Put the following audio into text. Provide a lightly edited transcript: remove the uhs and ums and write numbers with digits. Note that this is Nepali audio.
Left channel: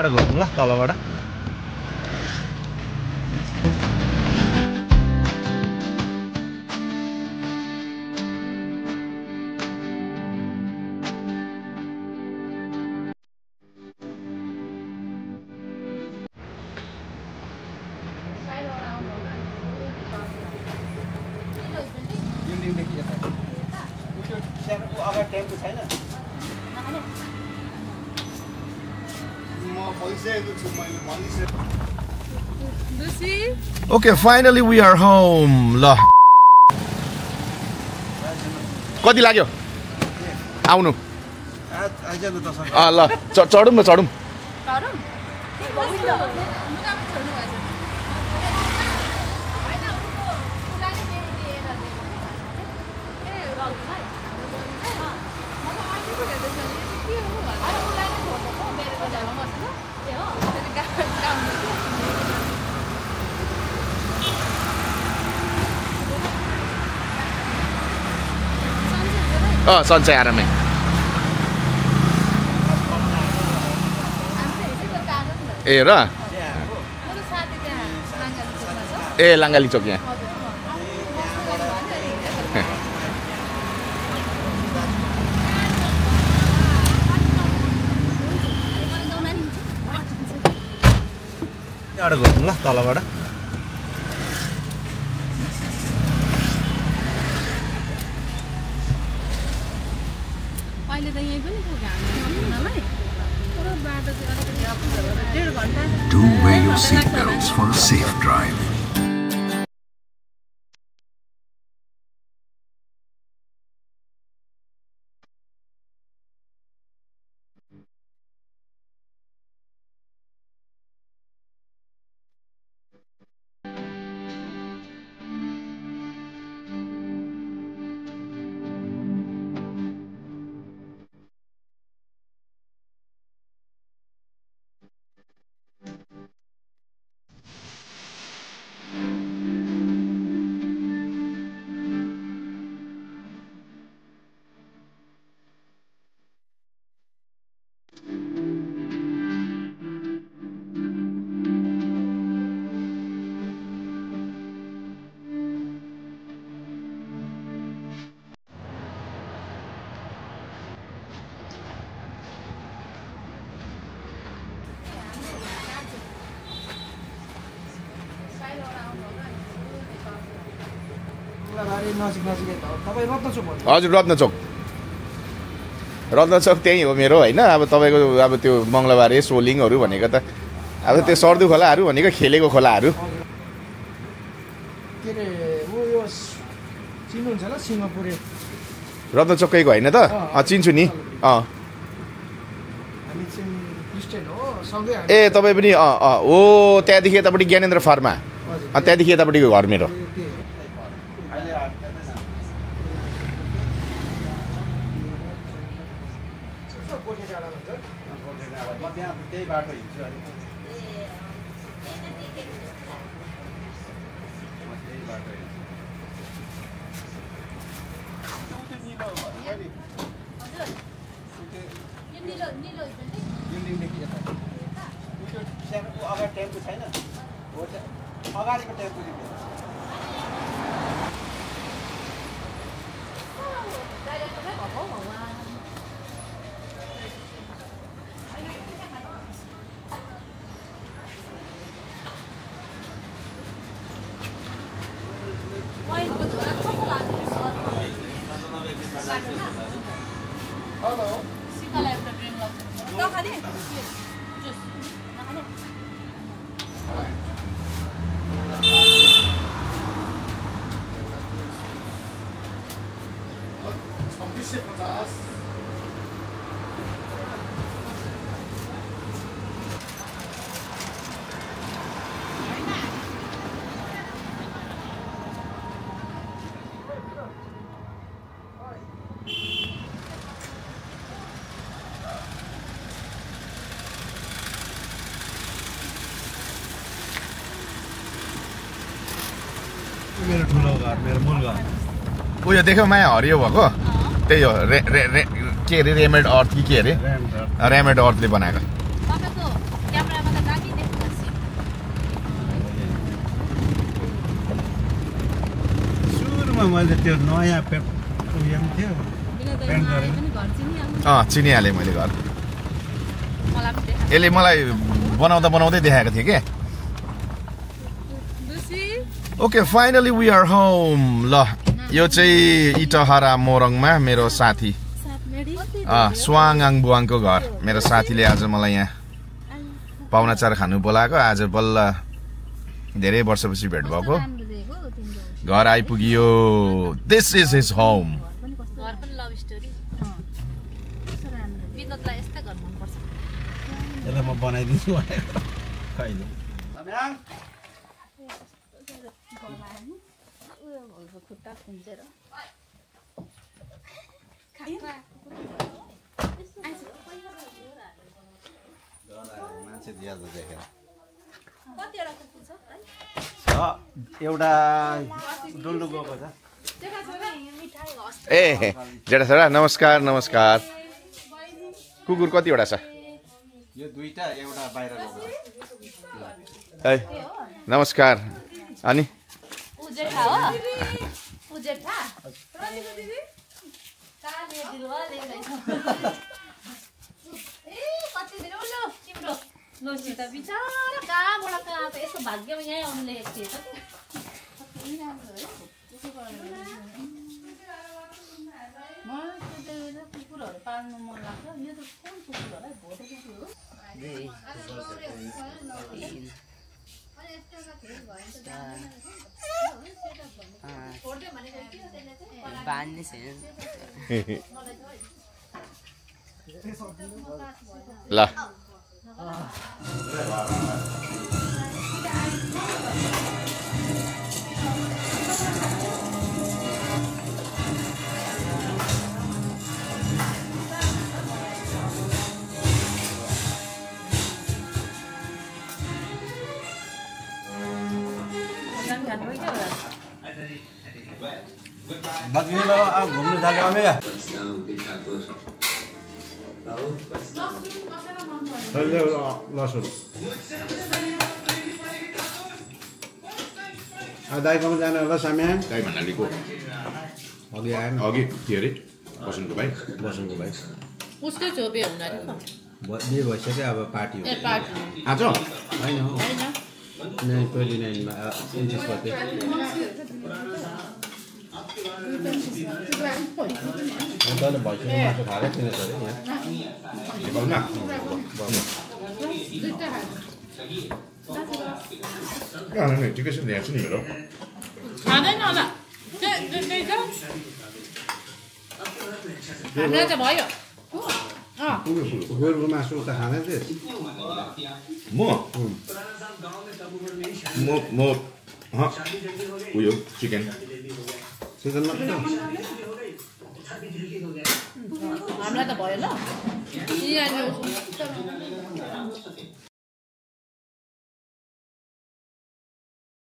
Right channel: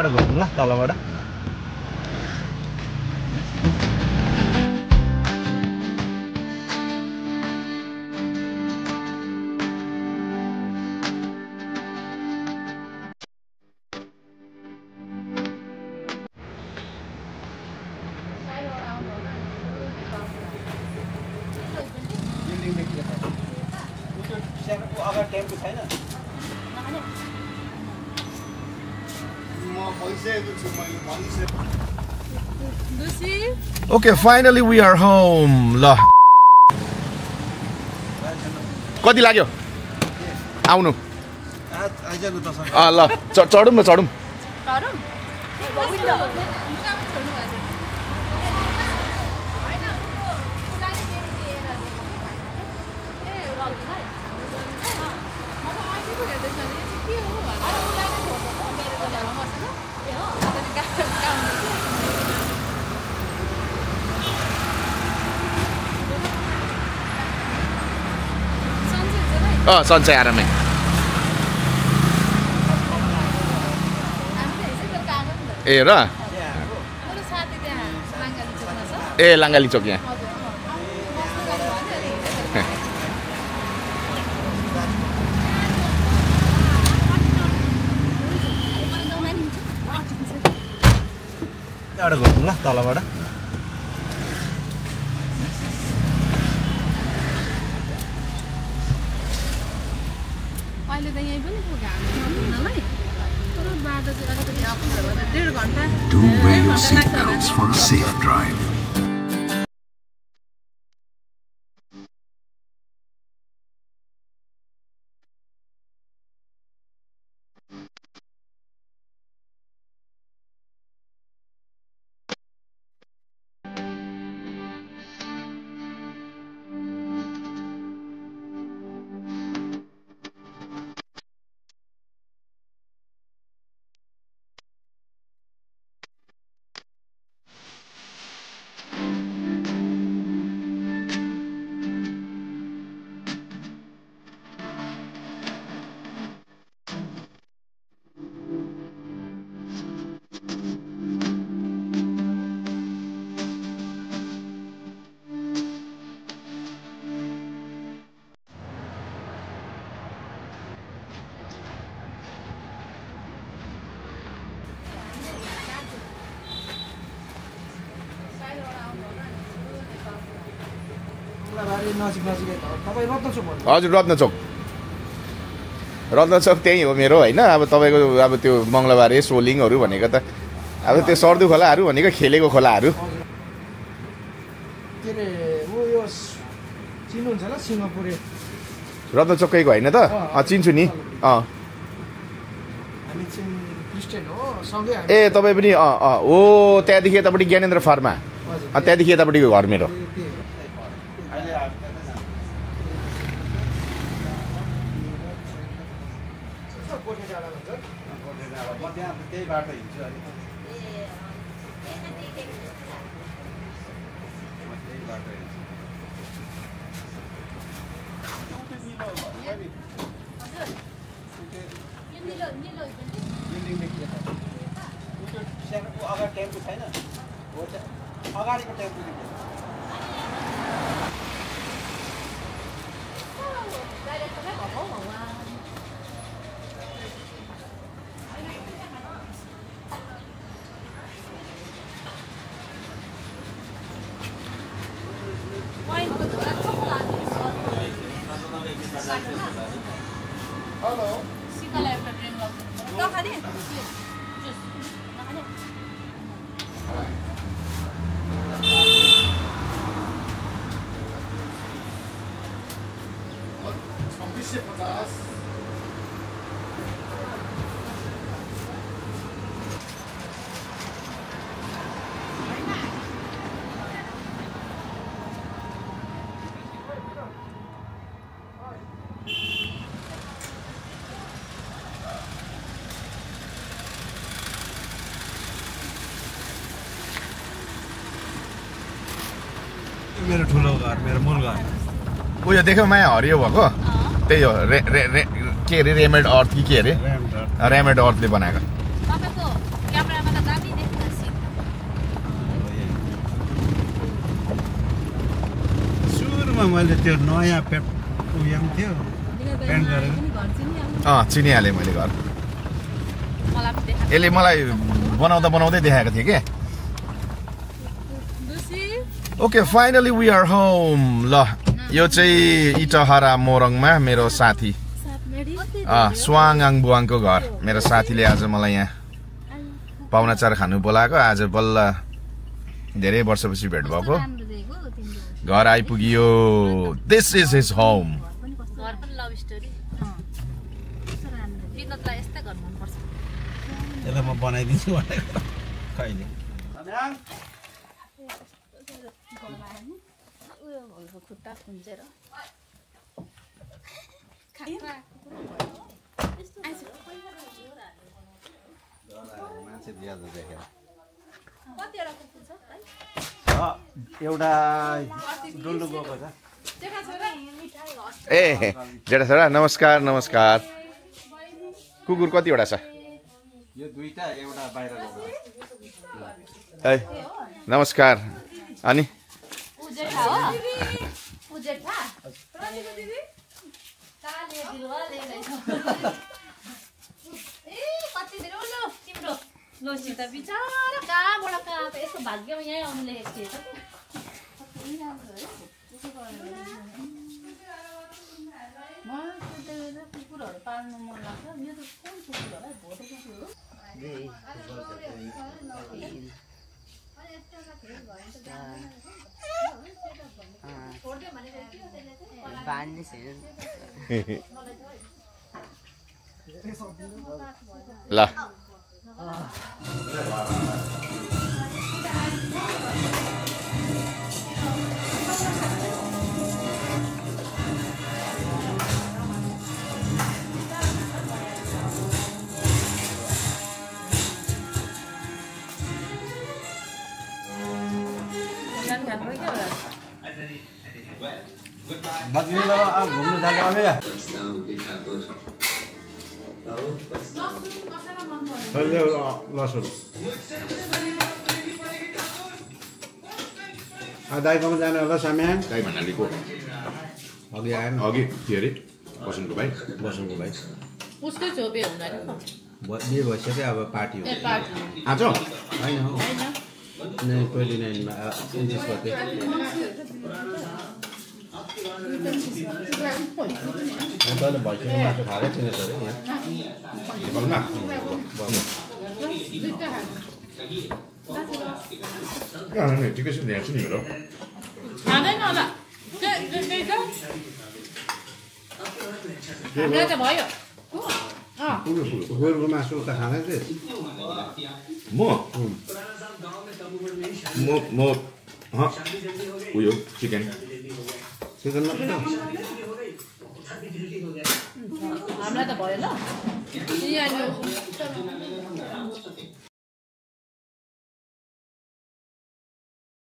अरू घुम्नु ल तलबाट टेम्पो छैन Okay, finally we are home. ल कति लाग्यो आउनु ल चढौँ न चढौँ सन्चै आरामै ए र ए लाङ्गाली चोक यहाँ घुम्नु ल तलबाट Do wear your seatbelts for a safe drive. हजुर रत्नचोक त्यही हो मेरो होइन अब तपाईँको अब त्यो मङ्गलबारे सोलिङहरू भनेको त अब त्यो सर्दु खोलाहरू भनेको खेलेको खोलाहरू रत्नचोकैको होइन त चिन्छु नि ए तपाईँ पनि हो त्यहाँदेखि यतापट्टि ज्ञानेन्द्र फार्मा त्यहाँदेखि यतापट्टिको घर मेरो त्यही बाटो हिँड्छु अगाडि टेम्पो छैन अगाडिको टेम्पो मेरो ठुलो घर मेरो मूल घर उयो देख्यौ माया हरियो भएको त्यही हो के अरे रेमेड अर्थ कि के अरे रेमेड अर्थले बनाएको सुरुमा मैले त्यो नयाँ पेट उयो पनि थियो पेन्ट गरेको चिनिहालेँ मैले घर यसले मलाई बनाउँदै देखाएको थियो क्या okay finally we are home ल यो चाहिँ इटहरा मोरङमा मेरो साथी स्वाङआङ बुवाङको घर मेरो साथीले आज मलाई यहाँ पाहुनाचार खानु बोलाएको आज बल्ल धेरै वर्षपछि भेट भएको घर आइपुगियो दिस इज हिज होम यसलाई म बनाइदिन्छु भनेको कहिले मान्छे ज्यादा देखेर एउटा डुल्डु गएको छ ए जेठा छोरा नमस्कार नमस्कार कुकुर कतिवटा छ यो दुईटा एउटा बाहिर ए नमस्कार अनि भाग्यमा यहीँ आउनु लेखेको थिएछ कुकुरहरू पाल्नु मन लाग्छ यो त कुन कुकुर होला भोटे कुकुर हो ल घुम्नु जाने लसुन दाइकोमा जाने होला साम्यान गाई भन्नालीको अघि आएन अघि के अरे बसनको भाइ उसकै छोपे हुँदा बिहे भइसक्यो अब पार्टी हो आज होइन हौ 29 मा 29 गते तैँले भइसक्यो मासु खाएरै थिएन अरे यहाँ नेपालमा ठिकै छ यहाँ छु नि मेरो खाँदैन होला भयो कुकुरको मासु त खाँदै थिएँ म उयो चिकन चिकन मात्रै हामीलाई त भयो ल